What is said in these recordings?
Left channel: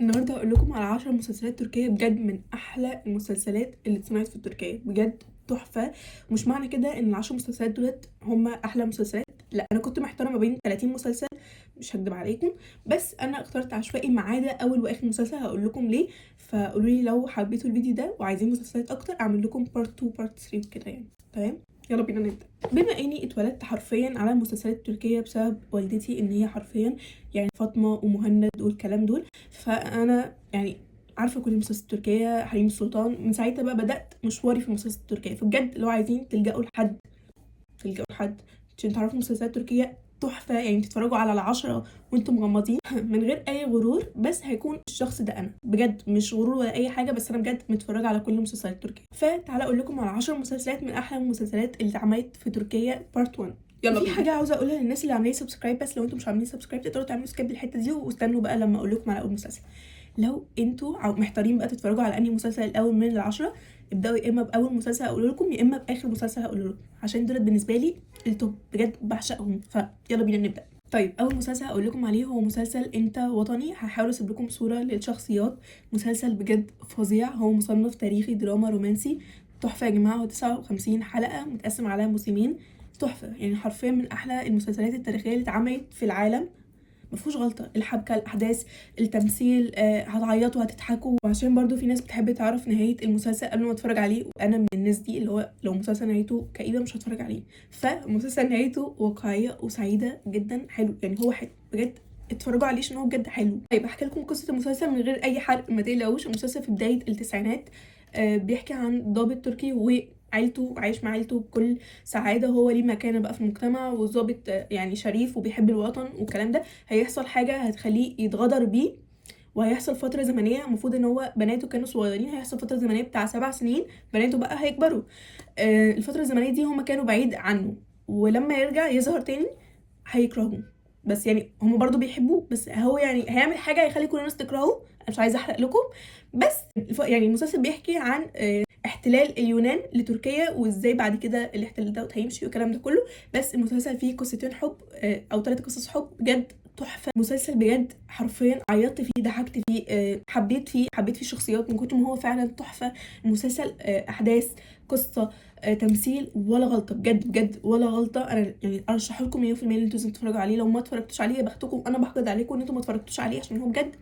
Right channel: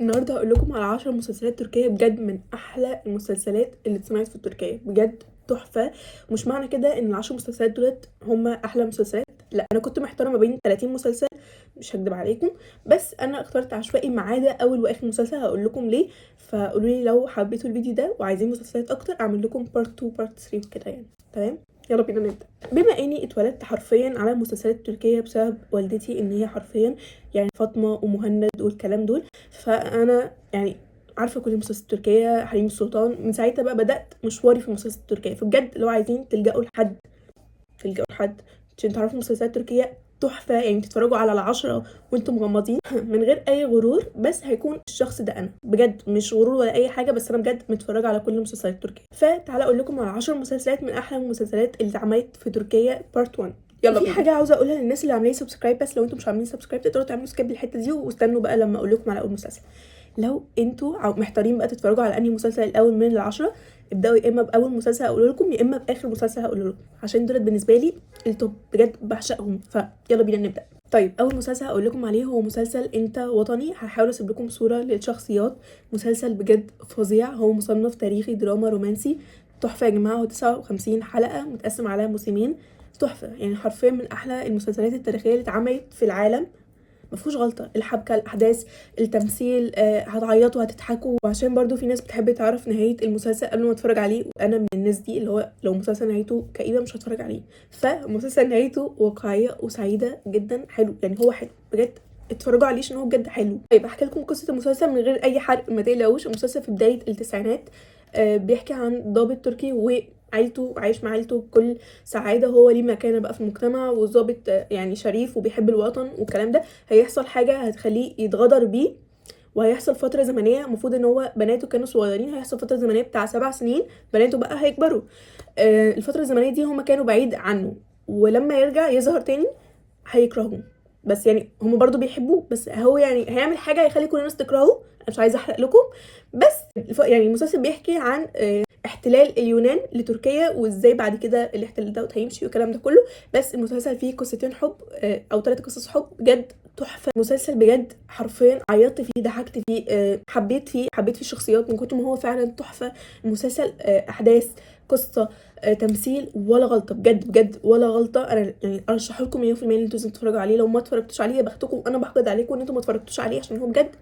النهارده هقول لكم على 10 مسلسلات تركيه بجد من احلى المسلسلات اللي اتسمعت في تركيا، بجد تحفه. مش معنى كده ان ال10 مسلسلات دولت هم احلى مسلسلات، لا، انا كنت محتاره ما بين 30 مسلسل، مش هكدب عليكم، بس انا اخترت عشوائي ما عدا اول واخر مسلسل. هقول لكم ليه، فقولوا لي لو حبيتوا الفيديو ده وعايزين مسلسلات اكتر اعمل لكم بارت 2 بارت 3 وكده يعني. تمام، يلا بينا نبدا. بما اني اتولدت حرفيا على المسلسلات التركيه بسبب والدتي، ان هي حرفيا يعني فاطمه ومهند والكلام دول، فانا يعني عارفه كل المسلسلات التركيه، حريم السلطان. من ساعتها بقى بدات مشواري في المسلسلات التركيه. فبجد لو عايزين تلجأوا لحد عشان تعرفوا مسلسلات تركيه تحفه، يعني تتفرجوا على ال10 وانتم مغمضين من غير اي غرور، بس هيكون الشخص ده انا بجد، مش غرور ولا اي حاجه، بس انا بجد متفرجه على كل المسلسلات التركيه. فتعالى اقول لكم على 10 مسلسلات من احلى المسلسلات اللي اتعملت في تركيا بارت 1. يلا بينا. في حاجه عاوزه اقولها للناس اللي عاملين سبسكرايب، بس لو انتم مش عاملين سبسكرايب تقدروا تعملوا سكيب الحته دي واستنوا بقى لما اقول لكم على اول مسلسل. لو انتوا محتارين بقى تتفرجوا على انهي مسلسل الاول من ال10، ابداوا يا اما باول مسلسل هقوله لكم يا اما باخر مسلسل هقوله لكم، عشان دول بالنسبه لي التوب، بجد بعشقهم. فيلا بينا نبدا. طيب اول مسلسل هقول لكم عليه هو مسلسل انت وطني. هحاول اسيب لكم صوره للشخصيات. مسلسل بجد فظيع، هو مصنف تاريخي دراما رومانسي تحفه يا جماعه. هو 59 حلقه متقسم على موسمين، تحفه يعني حرفيا من احلى المسلسلات التاريخيه اللي اتعملت في العالم. مفيهوش غلطه، الحبكه، الاحداث، التمثيل، هتعيطوا هتضحكوا. وعشان برضو في ناس بتحب تعرف نهايه المسلسل قبل ما اتفرج عليه، وانا من الناس دي اللي هو لو مسلسل نهايته كئيبه مش هتفرج عليه. فمسلسل نهايته واقعيه وسعيده جدا، حلو يعني، هو حلو بجد، اتفرجوا عليه عشان هو بجد حلو. طيب احكي لكم قصه المسلسل من غير اي حرق، ما تقلقوش. المسلسل في بدايه التسعينات، بيحكي عن ضابط تركي وعيلته، عايش مع عيلته بكل سعاده، هو ليه مكانه بقى في المجتمع، والضابط يعني شريف وبيحب الوطن والكلام ده. هيحصل حاجه هتخليه يتغدر بيه، وهيحصل فتره زمنيه، المفروض ان هو بناته كانوا صغيرين، هيحصل فتره زمنيه بتاع 7 سنين بناته بقى هيكبروا. الفتره الزمنيه دي هما كانوا بعيد عنه، ولما يرجع يظهر تاني هيكرهوه. بس يعني هما برضو بيحبوه، بس هو يعني هيعمل حاجه هيخلي كل الناس تكرهه. انا مش عايزه احرق لكم، بس يعني المسلسل بيحكي عن احتلال اليونان لتركيا، وازاي بعد كده الاحتلال ده هيمشي والكلام ده كله. بس المسلسل فيه قصتين حب، او 3 قصص حب، بجد تحفه. مسلسل بجد حرفيا عيطت فيه، ضحكت فيه، حبيت فيه الشخصيات من كتر ما هو فعلا تحفه. المسلسل احداث، قصه، تمثيل، ولا غلطه، بجد ولا غلطه. انا يعني ارشح لكم 100% ان انتوا لازم تتفرجوا عليه. لو ما اتفرجتوش عليه يا بختكم، انا بحقد عليكم ان انتوا ما اتفرجتوش عليه عشان هو بجد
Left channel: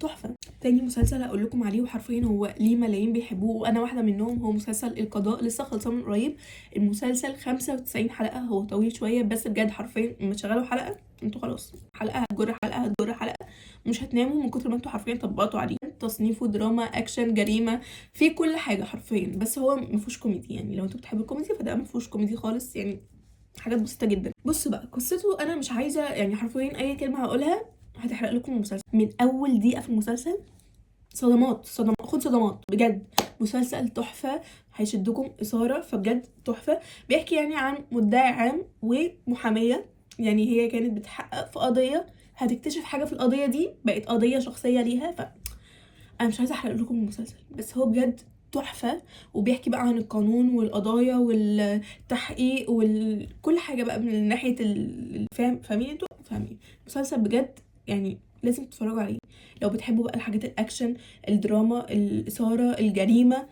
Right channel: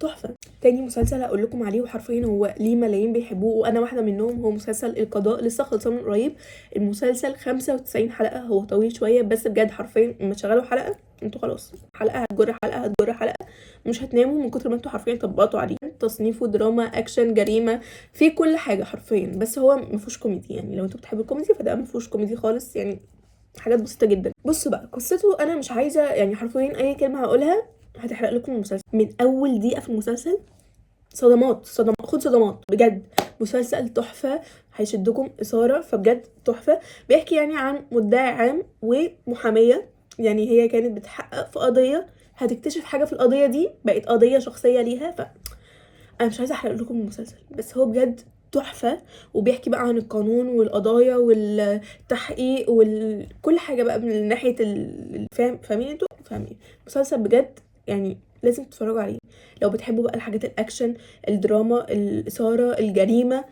تحفه. تاني مسلسل هقول لكم عليه وحرفيا هو ليه ملايين بيحبوه وانا واحده منهم، هو مسلسل القضاء، لسه خلصان من قريب. المسلسل 95 حلقه، هو طويل شويه بس بجد حرفيا لما تشغلوا حلقه انتوا خلاص حلقه هتجر حلقه هتجر حلقه، مش هتناموا من كتر ما انتوا حرفيا طبقتوا عليه. تصنيفه دراما، اكشن، جريمه، في كل حاجه حرفيا، بس هو مفيهوش كوميدي. يعني لو انتوا بتحبوا الكوميدي فده مفيهوش كوميدي خالص، يعني حاجات بسيطه جدا. بصوا بقى قصته، انا مش عايزه يعني حرفيا اي كلمه هقولها هتحرق لكم المسلسل. من اول دقيقه في المسلسل صدمات خد صدمات، بجد مسلسل تحفه، هيشدكم اثاره، فبجد تحفه. بيحكي يعني عن مدعي عام ومحاميه، يعني هي كانت بتحقق في قضيه، هتكتشف حاجه في القضيه دي بقت قضيه شخصيه ليها. انا مش عايزه احرق لكم المسلسل، بس هو بجد تحفه. وبيحكي بقى عن القانون والقضايا والتحقيق وكل حاجه بقى من ناحيه فاهمين انتوا فاهمين. مسلسل بجد يعني لازم تتفرجوا عليه لو بتحبوا بقى الحاجات الاكشن، الدراما، الاثاره، الجريمه،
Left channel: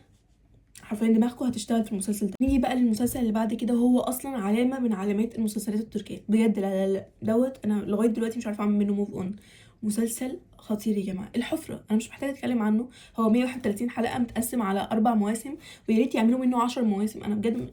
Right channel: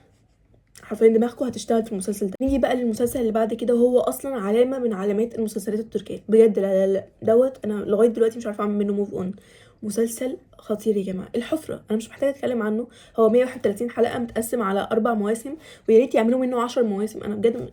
حرفيا دماغكم هتشتغل في المسلسل ده. نيجي بقى للمسلسل اللي بعد كده، وهو اصلا علامه من علامات المسلسلات التركيه بجد، لا دوت انا لغايه دلوقتي مش عارفه اعمل منه موف اون. مسلسل خطير يا جماعه، الحفره، انا مش محتاجه اتكلم عنه. هو 131 حلقه متقسم على 4 مواسم، ويا ريت يعملوا منه 10 مواسم. انا بجد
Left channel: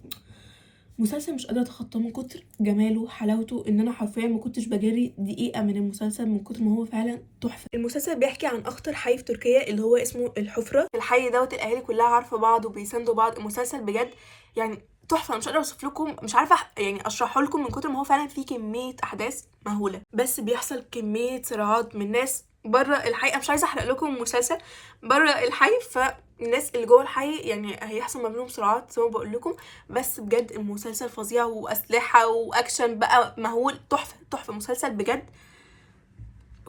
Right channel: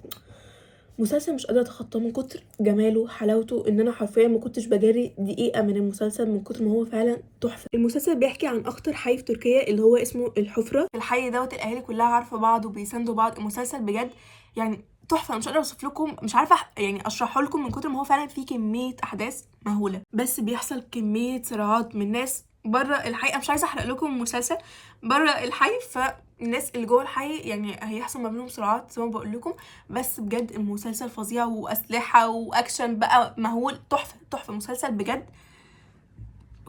مسلسل مش قادره اتخطاه من كتر جماله حلاوته، ان انا حرفيا ما كنتش بجري دقيقه من المسلسل من كتر ما هو فعلا تحفه. المسلسل بيحكي عن اخطر حي في تركيا اللي هو اسمه الحفره. الحي دوت الاهالي كلها عارفه بعض وبيساندوا بعض. المسلسل بجد يعني تحفه، أنا مش قادره اوصف لكم، مش عارفه يعني اشرحه لكم من كتر ما هو فعلا فيه كميه احداث مهوله، بس بيحصل كميه صراعات من ناس بره الحي. انا مش عايزه احرق لكم المسلسل بره الحي، فالناس اللي جوه الحي يعني هيحصل ما بينهم صراعات زي ما بقول لكم. بس بجد المسلسل فظيع، واسلحه واكشن بقى مهول، تحفه مسلسل بجد.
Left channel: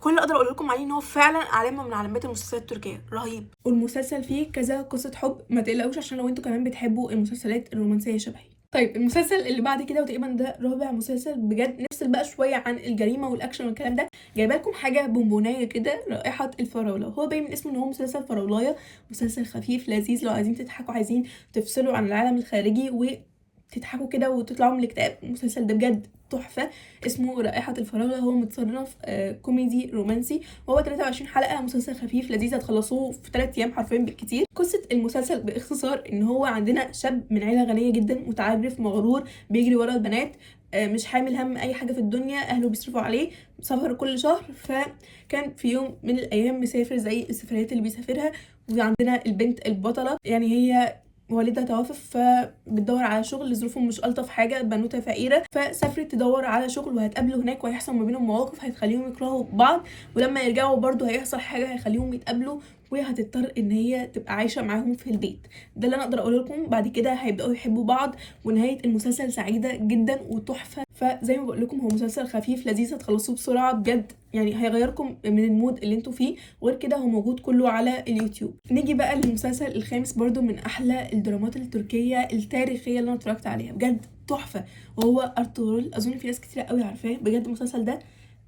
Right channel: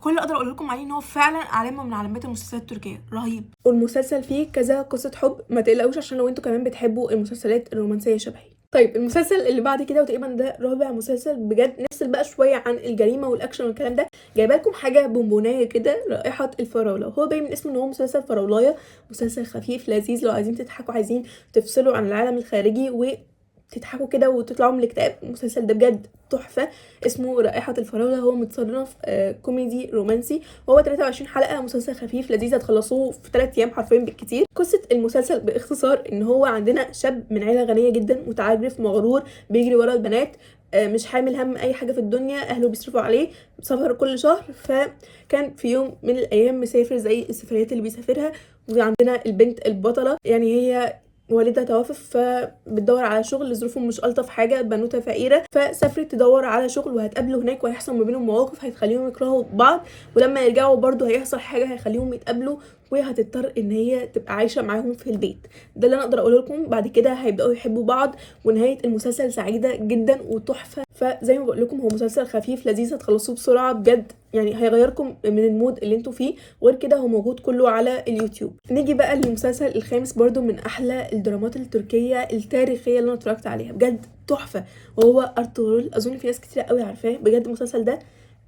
كل اللي اقدر اقول لكم عليه ان هو فعلا علامه من علامات المسلسلات التركيه، رهيب. والمسلسل فيه كذا قصه حب، ما تقلقوش عشان لو انتوا كمان بتحبوا المسلسلات الرومانسيه شبهي. طيب المسلسل اللي بعد كده وتقريبا ده رابع مسلسل بجد، نفصل بقى شويه عن الجريمه والاكشن والكلام ده، جايبه لكم حاجه بونبونيه كده، رائحه الفراوله. وهو باين من اسمه ان هو مسلسل فراولايه، مسلسل خفيف لذيذ لو عايزين تضحكوا، عايزين تفصلوا عن العالم الخارجي وتضحكوا كده وتطلعوا من الاكتئاب. المسلسل ده بجد تحفه، اسمه رائحه الفراوله. هو متصنف كوميدي رومانسي، وهو 23 حلقه، مسلسل خفيف لذيذ هتخلصوه في 3 ايام حرفيا بالكتير. قصه المسلسل باختصار ان هو عندنا شاب من عيله غنيه جدا، متعجرف مغرور، بيجري ورا البنات، مش حامل هم اي حاجه في الدنيا، اهله بيصرفوا عليه، سفر كل شهر. فكان في يوم من الايام مسافر زي السفريات اللي بيسافرها، وعندنا البنت البطله يعني هي والدها توفى، فبتدور على شغل، ظروفهم مش الطف حاجه، بنوته فقيره، فسافرت تدور على شغل وهتقابلوا هناك، وهيحصل ما بينهم مواقف هتخليهم يكرهوا بعض، ولما يرجعوا برضو هيحصل حاجه هيخليهم يتقابلوا، وهتضطر ان هي تبقى عايشه معاهم في البيت. ده اللي انا اقدر اقوله لكم. بعد كده هيبداوا يحبوا بعض، ونهايه المسلسل سعيده جدا وتحفه. فزي ما بقول لكم هو مسلسل خفيف لذيذ هتخلصوه بسرعه بجد، يعني هيغيركم من المود اللي انتوا فيه. وغير كده هو موجود كله على اليوتيوب. نيجي بقى للمسلسل الخامس، برضو من احلى الدرامات التركيه التاريخيه اللي انا اتفرجت عليها، بجد تحفه، وهو ارطغرل. اظن في ناس كتير قوي عارفاه، بجد المسلسل ده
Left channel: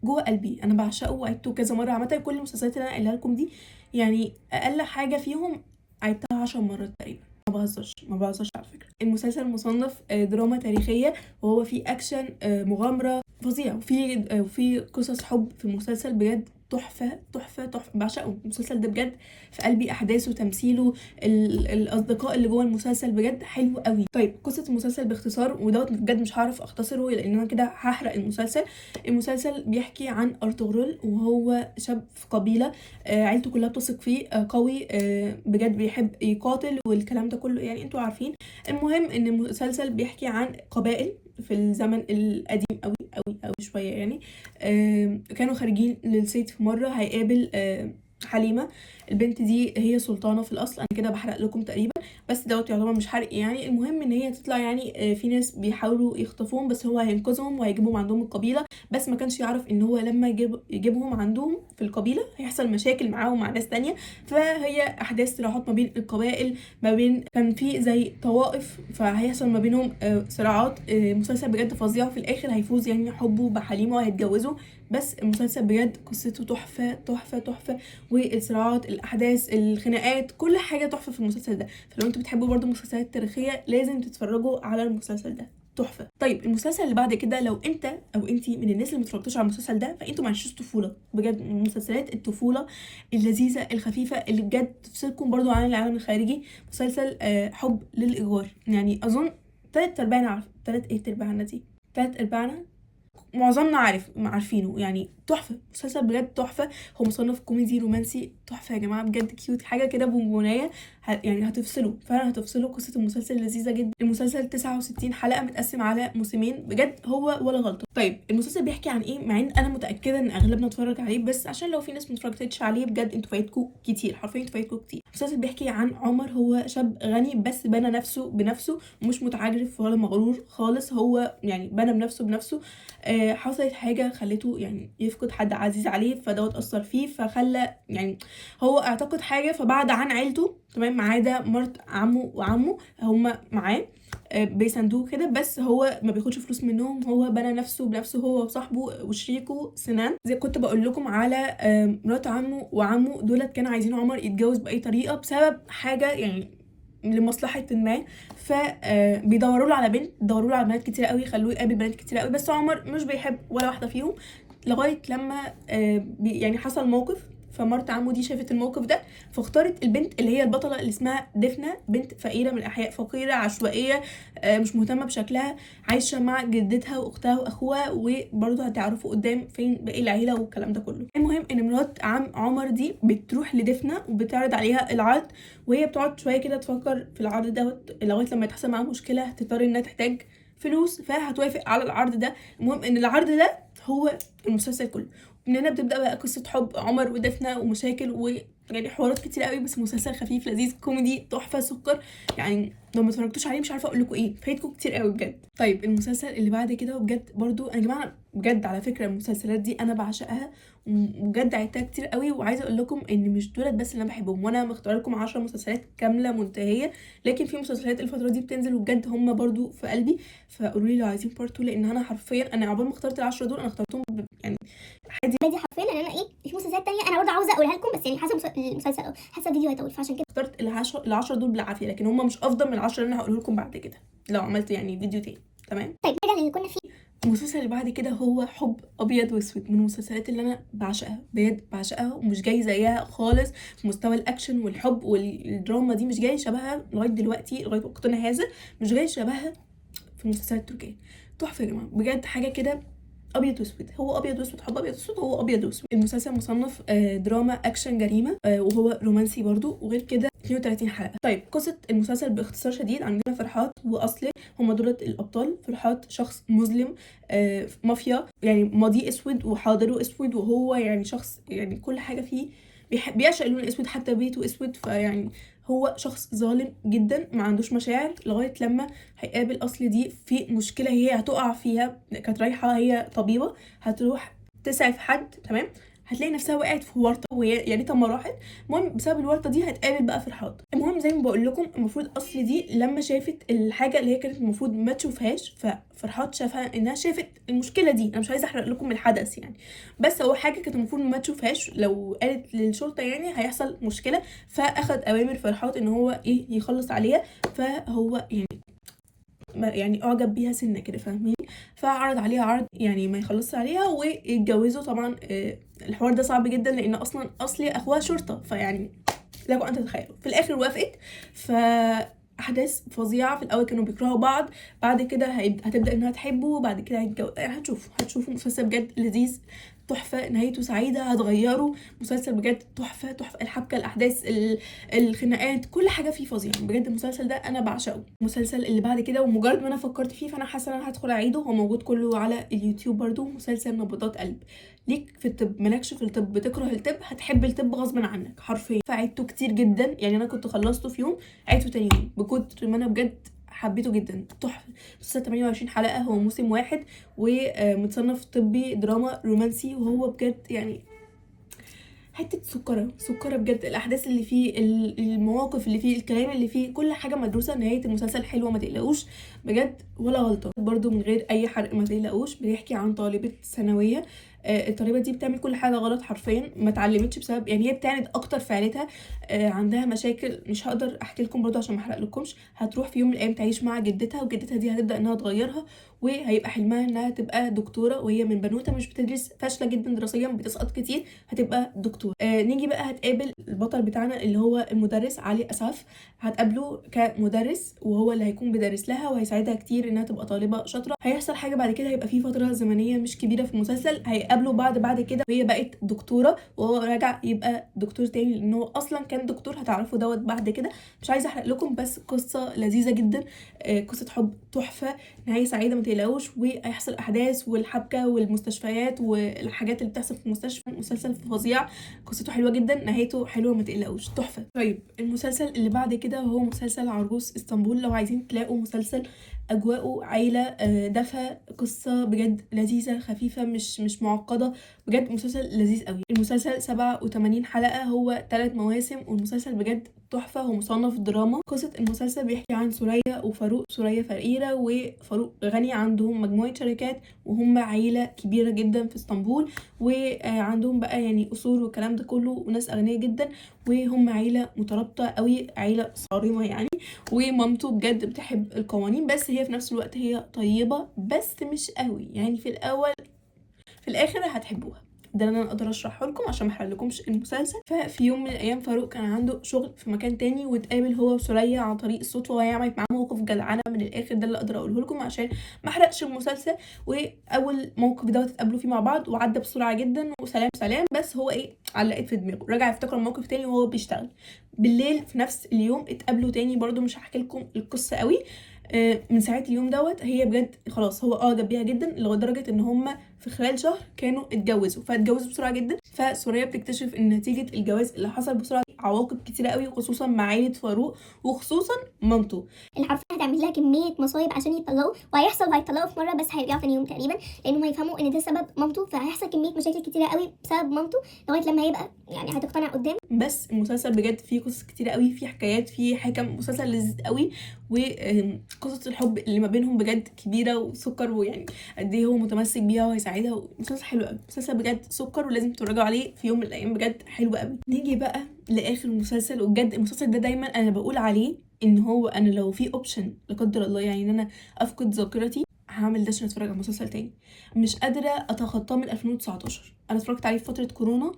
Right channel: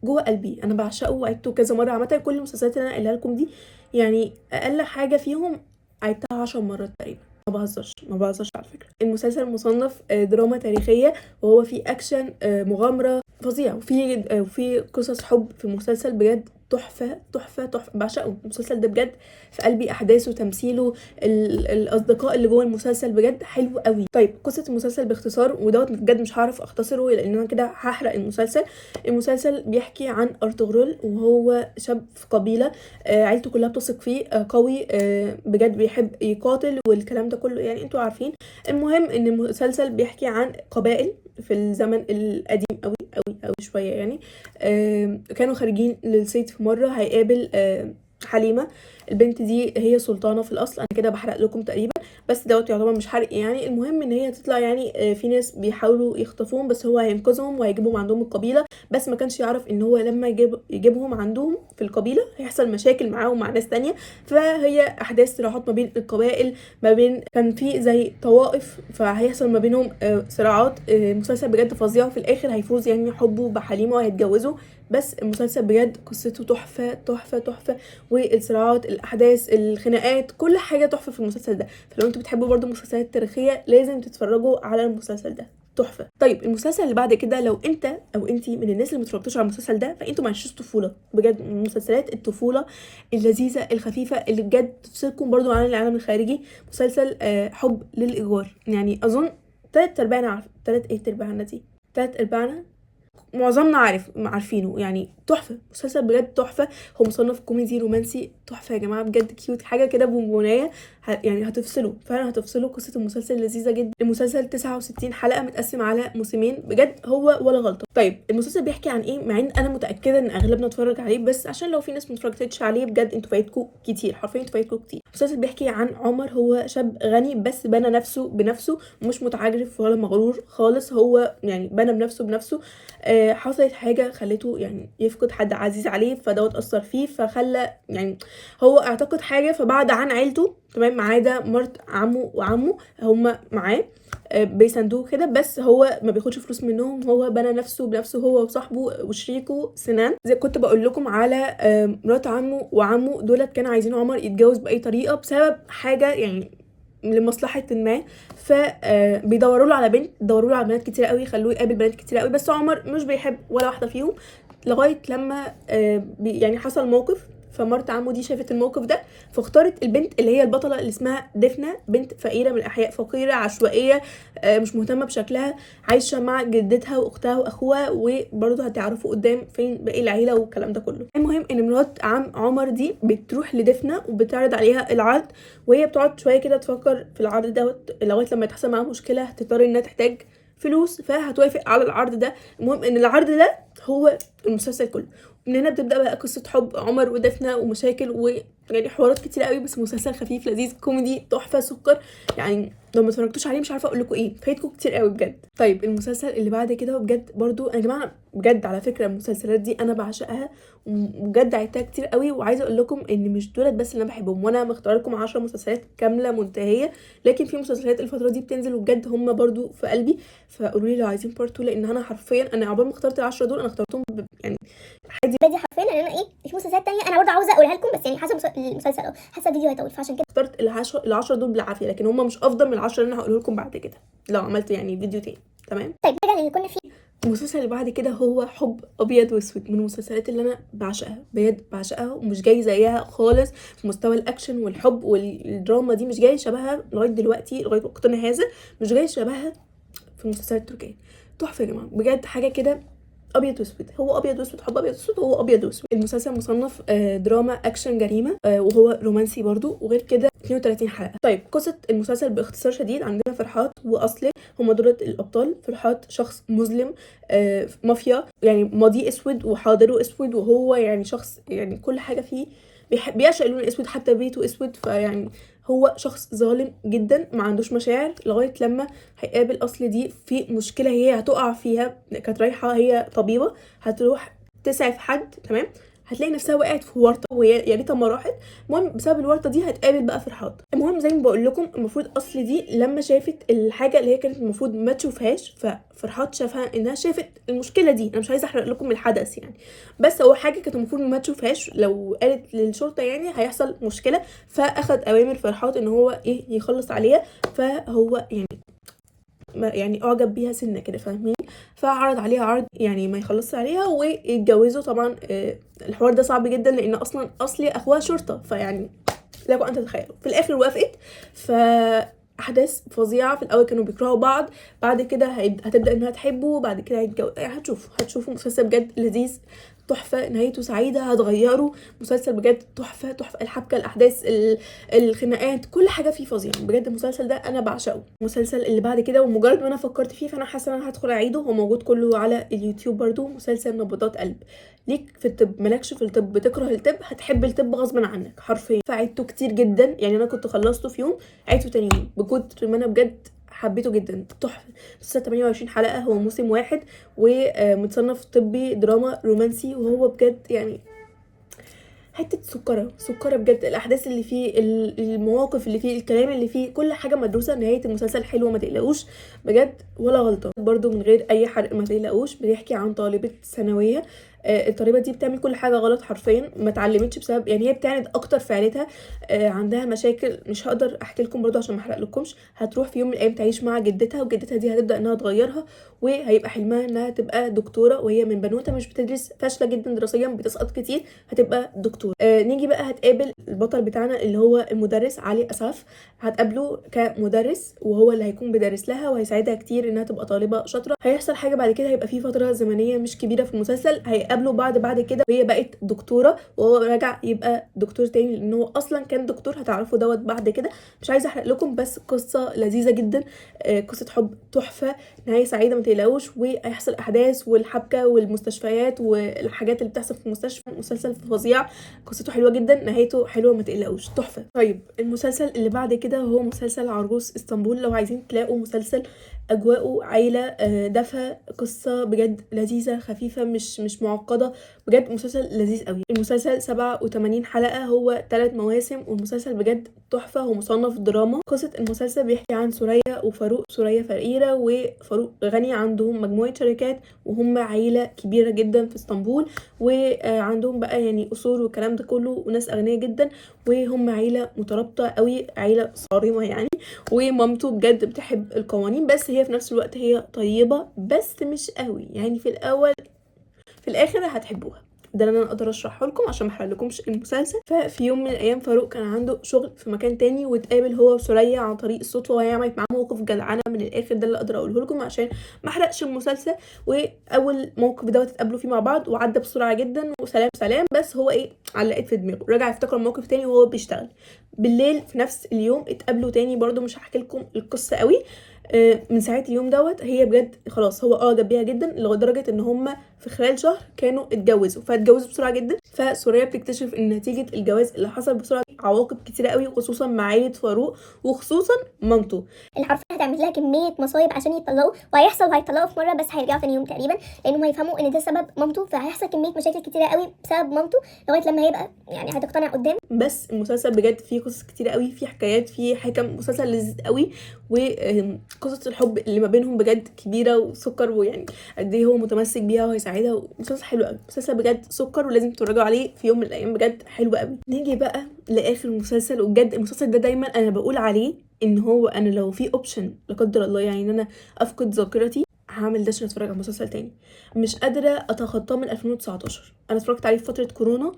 جوه قلبي، انا بعشقه وعدته كذا مره. عامه كل المسلسلات اللي انا قايلها لكم دي يعني اقل حاجه فيهم عدتها 10 مرات تقريبا، ما بهزرش على فكره. المسلسل مصنف دراما تاريخيه، وهو فيه اكشن، مغامره فظيع، وفي قصص حب في المسلسل، بجد تحفه تحفه تحفه، بعشقه المسلسل ده بجد، في قلبي احداثه، تمثيله، الاصدقاء اللي جوه المسلسل بجد حلو قوي. طيب قصه المسلسل باختصار، ودوت بجد مش هعرف اختصره لان انا كده هحرق المسلسل. المسلسل بيحكي عن ارطغرل، وهو شاب في قبيله، عيلته كلها بتثق فيه، قوي، بجد بيحب يقاتل والكلام ده كله، يعني انتوا عارفين. المهم ان المسلسل بيحكي عن قبائل في الزمن القديم قوي قوي قوي شويه يعني. كانوا خارجين للصيد في مره، هيقابل حليمه. البنت دي هي سلطانه في الاصل، انا كده بحرق لكم تقريبا، بس دوت يعتبر مش حرق يعني. المهم ان هي تطلع يعني في ناس بيحاولوا يخطفوهم، بس هو هينقذهم وهيجيبهم عندهم القبيله، بس ما كانش يعرف ان هو لما يجيبهم عندهم في القبيله هيحصل مشاكل معاهم مع ناس تانية. فهي احداث صراعات ما بين القبائل، ما بين كان في زي طوائف، فهيحصل ما بينهم صراعات. مسلسل بجد فظيع، في الاخر هيفوز يعني حبه بحليمه وهيتجوزوا. بس المسلسل بجد قصته تحفه تحفه تحفه، والصراعات، الاحداث، الخناقات، كل حاجه تحفه في المسلسل ده. فلو انتوا بتحبوا برضو المسلسلات التاريخيه لازم تتفرجوا على المسلسل ده، تحفه. طيب المسلسل اللي بعد كده، لو انت او انتي من الناس اللي متفرجتوش على المسلسل ده فانتوا ما عشتوش طفوله، بجد من مسلسلات الطفوله اللذيذه الخفيفه اللي بجد تفصلكم برضو عن العالم الخارجي. مسلسل حب للايجار، يعني اظن 3/4 معظمنا عارفينه يعني. تحفه، مسلسل بجد تحفه. هو مصنف كوميدي رومانسي تحفه يا جماعه، بجد كيوت، حاجه كده بونبونيه، يعني هتفصلوا فعلا، هتفصلوا. قصه المسلسل لذيذه جدا. المسلسل 69 حلقه متقسم على موسمين، بجد هو ولا غلطه. طيب المسلسل بيحكي عن ايه؟ مع ان انا متاكده ان اغلبنا اتفرج عليه، بس عشان لو في ناس متفرجتش عليه بجد انتوا فايتكم كتير، حرفيا انتوا فايتكم كتير. المسلسل بيحكي عن عمر، هو شاب غني بس بنى نفسه بنفسه، مش متعجرف ولا مغرور خالص، هو يعني بنى بنفسه. حصلت حاجه خلته يعني يفقد حد عزيز عليه، فدوت اثر فيه، فخلى يعني هو اعتقد حاجه، فبعد عن عيلته تمام، ما عدا مرت عمه وعمه هما معاه بيساندوه كده، بس هو ما بياخدش فلوس منهم، هو بنى نفسه بنفسه، هو وصاحبه وشريكه سنان. زي كنت بقول لكم على مرات عمه وعمه دولت كانوا عايزين عمر يتجوز باي طريقه بسبب حاجه يعني لمصلحه ما، فبيدوروا له على بنت، دوروا له على بنات كتير قوي، خلوه يقابل بنات كتير قوي، بس عمر مش بيحب ولا واحده فيهم. لغايه لما يعني حصل موقف، فمرت عمو دي شافت الموقف ده، فاختارت البنت اللي هي البطله اللي اسمها دفنه، بنت فقيره من احياء فقيره عشوائيه، مش مهتمه بشكلها، عايشه مع جدتها واختها واخوها، وبرضه هتعرفوا قدام فين باقي العيله والكلام ده كله. المهم ان مرات عم عمر دي بتروح لدفنه وبتعرض عليها العرض، وهي بتقعد شويه كده تفكر في العرض ده لغايه لما تحصل معاها مشكله هتضطر انها تحتاج فلوس، فهتوافق على العرض ده. المهم ان العرض ده هو المسلسل كله. من هنا بتبدا بقى قصه حب عمر ودفنه ومشاكل يعني حوارات كتير قوي، بس مسلسل خفيف لذيذ كوميدي تحفه سكر، يعني لو ما اتفرجتوش عليه مش عارفه اقول لكم ايه، فايتكم كتير قوي بجد. طيب المسلسل اللي بعد كده، وبجد برضو يا جماعه بجد على فكره المسلسلات دي انا بعشقها، وبجد عيدتها كتير قوي. وعايزه اقول لكم ان مش دولت بس اللي انا بحبهم، وانا مختار لكم 10 مسلسلات كامله منتهيه، لكن في مسلسلات الفتره دي بتنزل وبجد هم برضو في قلبي. فقولوا لي لو عايزين بارت 2، لان انا حرفيا انا عقبال ما اخترت ال10 دول انا اخترتهم يعني عادي حرفيا. لان انا في مسلسلات تانية انا برضه عاوزه اقولها لكم، بس يعني حسب المسلسل حاسه الفيديو هيطول، فعشان كده اخترت ال10 دول بالعافيه، لكن هم مش افضل من ال10 اللي انا هقوله لكم بعد كده لو عملت يعني فيديو تاني. تمام. طيب نرجع للي كنا فيه. المسلسل اللي بعد كده هو حب ابيض واسود، من المسلسلات اللي انا بعشقها بجد بعشقها، ومش جاي زيها خالص في مستوى الاكشن والحب والدراما دي، مش جاي شبهها لغايه دلوقتي لغايه وقتنا هذا، مش جاي شبهها في المسلسلات التركيه. تحفه يا جماعه بجد، حاجه كده ابيض واسود. هو ابيض واسود، حب ابيض واسود، هو ابيض واسود. المسلسل مصنف دراما اكشن جريمه، وهو رومانسي برضو، وغير كده 32 حلقه. طيب قصه المسلسل باختصار شديد، عندنا فرحات واصلي، هما دولت الابطال. فرحات شخص مسلم مافيا، يعني ماضيه اسود وحاضره اسود، وهو يعني شخص يعني كل حاجه فيه بيعشق اللون الاسود، حتى بيته اسود. فيعني هو شخص ظالم جدا ما عندوش مشاعر، لغايه لما هيقابل اصل دي في مشكله هي هتقع فيها. كانت رايحه هي طبيبه هتروح تسعف حد، تمام، هتلاقي نفسها وقعت في ورطه، وهي يا ريتها ما راحت. المهم بسبب الورطه دي هتقابل بقى فرحات. المهم زي ما بقول لكم، المفروض اصل دي لما شافت الحاجه اللي هي كانت المفروض ما تشوفهاش، ففرحات شافها انها شافت المشكله دي. انا مش عايزه احرق لكم الحدث يعني، بس هو حاجه كانت المفروض ما تشوفهاش، لو قالت للشرطه يعني هيحصل مشكله. فاخد اوامر فرحات ان هو يخلص عليها. فهو يعني اعجب بيها سنه كده، فاهمين؟ فعرض عليها عرض يعني ما يخلصش عليها ويتجوزوا. طبعا الحوار ده صعب جدا، لان اصلا اصلي اخوها شرطه، فيعني لكم ان تتخيلوا. في الاخر وافقت. احداث فظيعه. في الاول كانوا بيكرهوا بعض، بعد كده هتبدا انها تحبه، بعد كده هيتجوز. يعني هتشوفوا مسلسل بجد لذيذ تحفه، نهايته سعيده، هتغيره. مسلسل بجد تحفه تحفه، الحبكه، الاحداث، الخناقات، كل حاجه فيه فظيعه بجد. المسلسل ده انا بعشقه. المسلسل اللي بعد كده، ومجرد ما انا فكرت فيه فانا حاسه ان انا هدخل اعيده، هو موجود كله على اليوتيوب برضو، مسلسل نبضات قلب. ليك في الطب، مالكش في الطب، بتكره الطب، هتحب الطب غصب عنك حرفيا. فعيدته كتير جدا، يعني انا كنت خلصته في يوم عيدته تاني يوم، بكتر ما انا بجد حبيته جدا. تحفه. مسلسل 28 حلقه، هو موسم واحد، ومتصنف طبي دراما رومانسي، وهو بجد يعني حته سكره بجد. الاحداث اللي فيه، المواقف اللي فيه، الكلام اللي فيه، كل حاجه مدروسه. نهايه المسلسل حلوه ما تقلقوش بجد ولا غلطه. برضو من غير اي حرق ما تقلقوش، بيحكي عن طالبه ثانويه. الطالبه دي بتعمل كل حاجه غلط حرفيا، ما اتعلمتش بسبب يعني هي بتعند اكتر في عيلتها. عندها مشاكل مش هقدر احكي لكم برضو عشان ما احرق لكمش. هتروح في يوم من الايام تعيش مع جدتها، وجدتها دي هتبدا انها تغيرها، وهيبقى حلمها انها تبقى دكتوره، وهي من بنوته مش بتدرس، فاشله جدا دراسيا، بتسقط كتير، هتبقى دكتور. نيجي بقى هتقابل البطل بتاعنا اللي هو المدرس علي اسعف. هتقابله كمدرس، وهو اللي هيكون بيدرس لها وهيساعدها كتير انها تبقى طالبه شاطره. هيحصل حاجه بعد كده، هيبقى في فتره زمنيه مش كبيره في المسلسل، هيقابلوا بعد كده وهي بقت دكتوره، وهو راجع يبقى دكتور تاني، لان هو اصلا كان دكتور. هتعرفوا دوت بعد كده، مش عايزه احرق لكم، بس قصه لذيذه جدا، قصه حب تحفه، نهايه سعيده ما تقلقوش. وهيحصل احداث والحبكه والمستشفيات والحاجات اللي بتحصل في المستشفى. مسلسل فظيع، قصته حلوه جدا، نهايته حلوه ما تقلقوش، تحفه. طيب المسلسل اللي بعد كده هو مسلسل عرجوز اسطنبول. لو عايزين تلاقوا مسلسل اجواءه عيله، دفى، قصه بجد لذيذه خفيفه، مش معقده، بجد مسلسل لذيذ قوي. المسلسل 87 حلقه، هو 3 مواسم، والمسلسل بجد تحفه. هو مصنف دراما. قصه المسلسل بيحكي عن سوريا وفاروق. سوريا فقيره وفاروق غني، عندهم مجموعه شركات، وهم عيله كبيره جدا في اسطنبول، وعندهم بقى يعني اصول والكلام ده كله، وناس اغنياء جدا، وهم عيله مترابطه قوي، عيله صارمه يعني. ومامته بجد بتحب القوانين، بس هي في نفس الوقت هي طيبه بس مش قوي يعني. في الاول في الاخر هتحبوها. ده اللي انا اقدر اشرحه لكم عشان ما احرقلكمش المسلسل. ففي يوم من الايام فاروق كان عنده شغل في مكان تاني، واتقابل هو وسوريا عن طريق الصدفه، وهي عملت معاه موقف جدعانه من الاخر. ده اللي اقدر اقوله لكم عشان ما احرقش المسلسل. واول موقف دوت اتقابلوا فيه مع بعض، وعدى بسرعه جدا، وسلام سلام. بس هو علقت في دماغه، رجع يفتكر الموقف تاني وهو بيشتغل. بالليل في نفس اليوم اتقابلوا تاني، برضو مش هحكي لكم القصه قوي. من ساعه اليوم دوت هي بجد خلاص هو اعجب بيها جدا، لدرجه ان هم في خلال شهر كانوا اتجوزوا. فاتجوزوا بسرعه جدا. فسوريا بتكتشف ان نتيجه الجواز اللي حصل بسرعه عواقب كتيره قوي، خصوصا مع عائله فاروق، وخصوصا مامته. اللي حرفيا هتعمل لها كميه مصايب عشان يتطلقوا، هيتطلقوا في مره بس هيرجعوا ثاني يوم تقريبا، لانهم هيفهموا ان ده سبب مامته، فهيحصل كميه مشاكل كتيره قوي بسبب مامته لغايه لما هيبقى يعني هتقتنع قدام. بس المسلسل بجد فيه قصص كتيره قوي، فيه حكايات، فيه حكم، مسلسل لذيذ قوي، وقصه الحب اللي ما بينهم بجد كبيره وسكر، ويعني قد ايه هو متمسك بيها وهيساعدها. مسلسل حلو قوي، مسلسل بجد سكر ولازم تتفرجوا عليه في يوم من الايام، بجد حلو قوي. نيجي بقى لاخر مسلسل، وبجد المسلسل ده دايما انا بقول عليه ان هو انا لو في اوبشن لا قدر الله يعني ان انا افقد ذاكرتي هعمل ده عشان اتفرج على مسلسل تاني. مش قادره اتخطاه من 2019. انا اتفرجت عليه في فتره كورونا،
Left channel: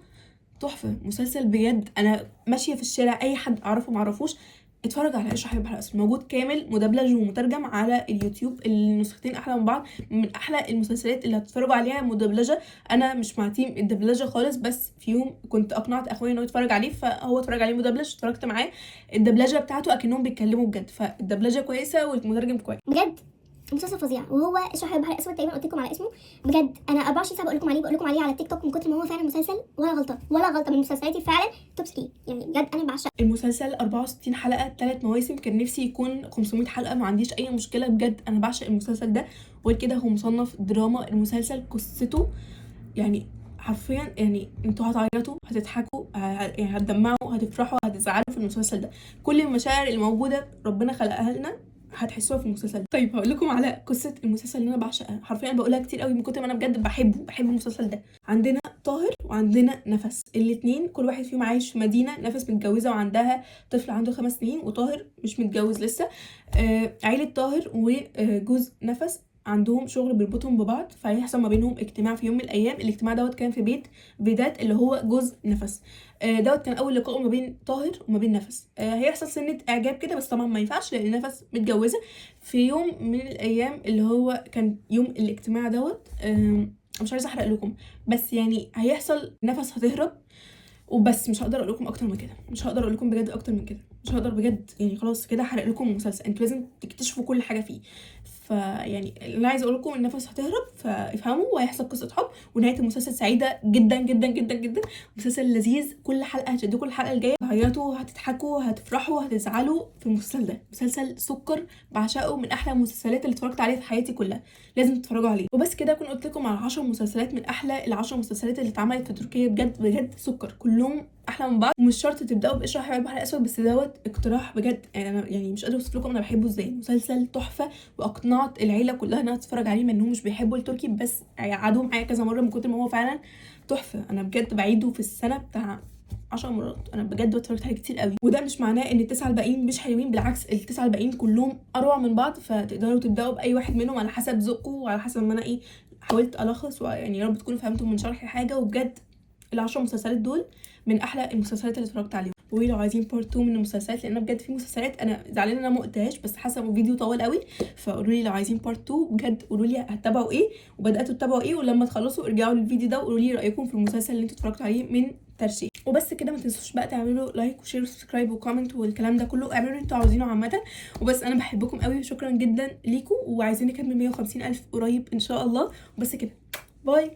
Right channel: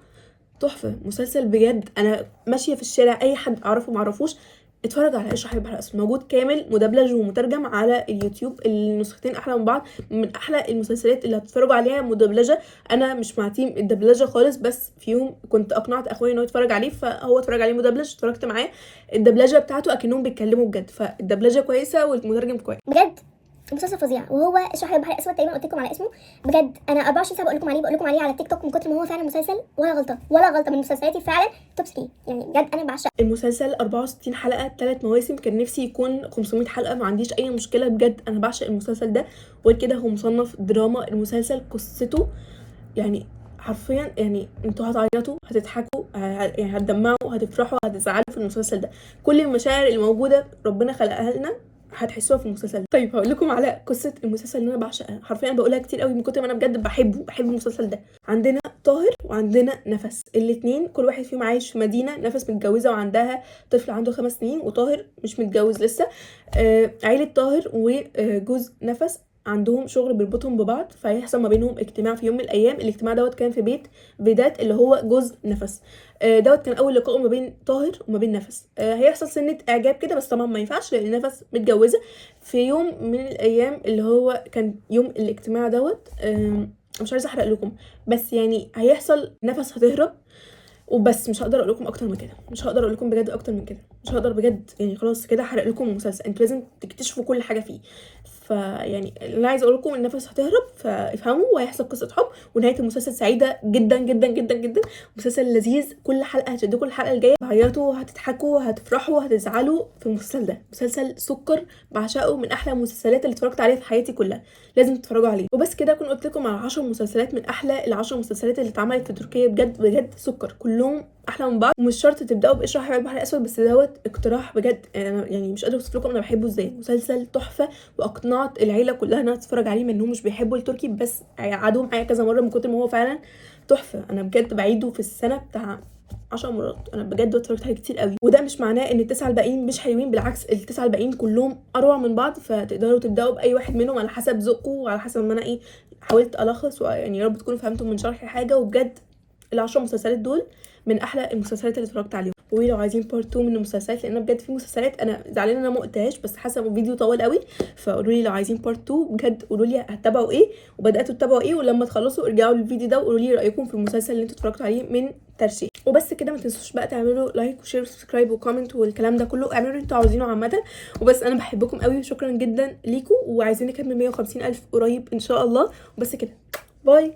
تحفه. مسلسل بجد انا ماشيه في الشارع اي حد اعرفه معرفوش اتفرج على اشرح البحر الاسود، موجود كامل مدبلج ومترجم على اليوتيوب. النسختين احلى من بعض، من احلى المسلسلات اللي هتتفرجوا عليها مدبلجه. انا مش مع تيم الدبلجه خالص، بس في يوم كنت اقنعت اخويا انه يتفرج عليه، فهو اتفرج عليه مدبلج، اتفرجت معاه. الدبلجه بتاعته اكنهم بيتكلموا بجد، فالدبلجه كويسه والمترجم كويس. بجد مسلسل فظيع، وهو اشرح البحر الاسود تقريبا قلت لكم على اسمه. بجد انا 24 ساعه بقول لكم عليه على التيك توك، من كتر ما هو فعلا مسلسل ولا غلطه من مسلسلاتي فعلا توب 3 يعني. بجد انا بعشق المسلسل 64 حلقه 3 مواسم، كان نفسي يكون 500 حلقه، ما عنديش اي مشكله. بجد انا بعشق المسلسل ده، وكده هو مصنف دراما. المسلسل قصته يعني حرفيا يعني انتوا هتعيطوا، هتضحكوا، يعني هتدمعوا، هتفرحوا، هتزعلوا في المسلسل ده. كل المشاعر اللي موجوده ربنا خلقها لنا هتحسوها في المسلسل ده. طيب هقول لكم على قصه المسلسل اللي انا بعشقها، حرفيا بقولها كتير قوي من كتر ما انا بجد بحب المسلسل ده. عندنا طاهر وعندنا نفس، الاتنين كل واحد فيهم عايش في مدينه. نفس متجوزه وعندها طفل عنده 5 سنين، وطاهر مش متجوز لسه. عيله طاهر وجوز نفس عندهم شغل بيربطهم ببعض، فهيحصل ما بينهم اجتماع في يوم من الايام. الاجتماع دوت كان في بيت فيدات اللي هو جوز نفس. دوت كان اول لقاء ما بين طاهر وما بين نفس. هيحصل سنه اعجاب كده، بس طبعا ما ينفعش لان نفس متجوزه. في يوم من الايام اللي هو كان يوم الاجتماع دوت، مش عايزه احرق لكم، بس يعني هيحصل نفس هتهرب وبس. مش هقدر اقول لكم اكتر من كده، مش هقدر اقول لكم بجد اكتر من كده، مش هقدر بجد يعني. خلاص كده هحرق لكم المسلسل، انتوا لازم تكتشفوا كل حاجه فيه. فيعني اللي انا عايزه اقول لكم ان نفس هتهرب، فافهموا، وهيحصل قصه حب، ونهايه المسلسل سعيده جدا جدا جدا جدا. مسلسل لذيذ، كل حلقه هتشدكم الحلقه الجايه، هتعيطوا، هتضحكوا، هتفرحوا، هتزعلوا في المسلسل ده. مسلسل سكر بعشقه، من احلى المسلسلات اللي اتفرجت عليها في حياتي كلها، لازم تتفرجوا عليه. وبس كده اكون قلت لكم على 10 مسلسلات من احلى ال10 مسلسلات اللي اتعملت في تركيا. بجد بجد سكر، كلهم احلى من بعض. ومش شرط تبداوا باشرح البحر الاسود، بس دوت اقتراح بجد يعني مش قادره اوصف لكم انا بحبه ازاي. مسلسل تحفه، واقنعت العيله كلها انها تتفرج عليه، منهم مش بيحبوا التركي بس قعدوا معايا كذا مره من كتر ما هو فعلا تحفه. انا بجد بعيده في السنه بتاع 10 مرات، انا بجد اتفرجت عليه كتير قوي. وده مش معناه ان ال9 الباقيين مش حلوين، بالعكس ال9 الباقيين كلهم اروع من بعض، فتقدروا تبداوا باي واحد منهم على حسب ذوقكم وعلى حسب ما انا حاولت الخص، ويعني يا رب تكونوا فهمتوا من شرحي حاجه. وبجد ال10 مسلسلات دول من احلى المسلسلات اللي اتفرجت عليهم. ولو عايزين بارت 2 من المسلسلات، لان بجد في مسلسلات انا زعلانه انا ما قلتهاش، بس حاسه الفيديو طويل قوي، فقولوا لي لو عايزين بارت 2 بجد، قولوا لي هتتابعوا ايه وبداتوا تتابعوا ايه، ولما تخلصوا ارجعوا للفيديو ده وقولوا لي رايكم في المسلسل اللي انتوا اتفرجتوا عليه من ترشيح. وبس كده، ما تنسوش بقى تعملوا لايك وشير وسبسكرايب وكومنت والكلام ده كله، اعملوا اللي انتوا عاوزينه عامه. وبس انا بحبكم قوي، وشكرا جدا ليكم، وعايزين نكمل 150,000 قريب ان شاء الله. وبس كده، باي.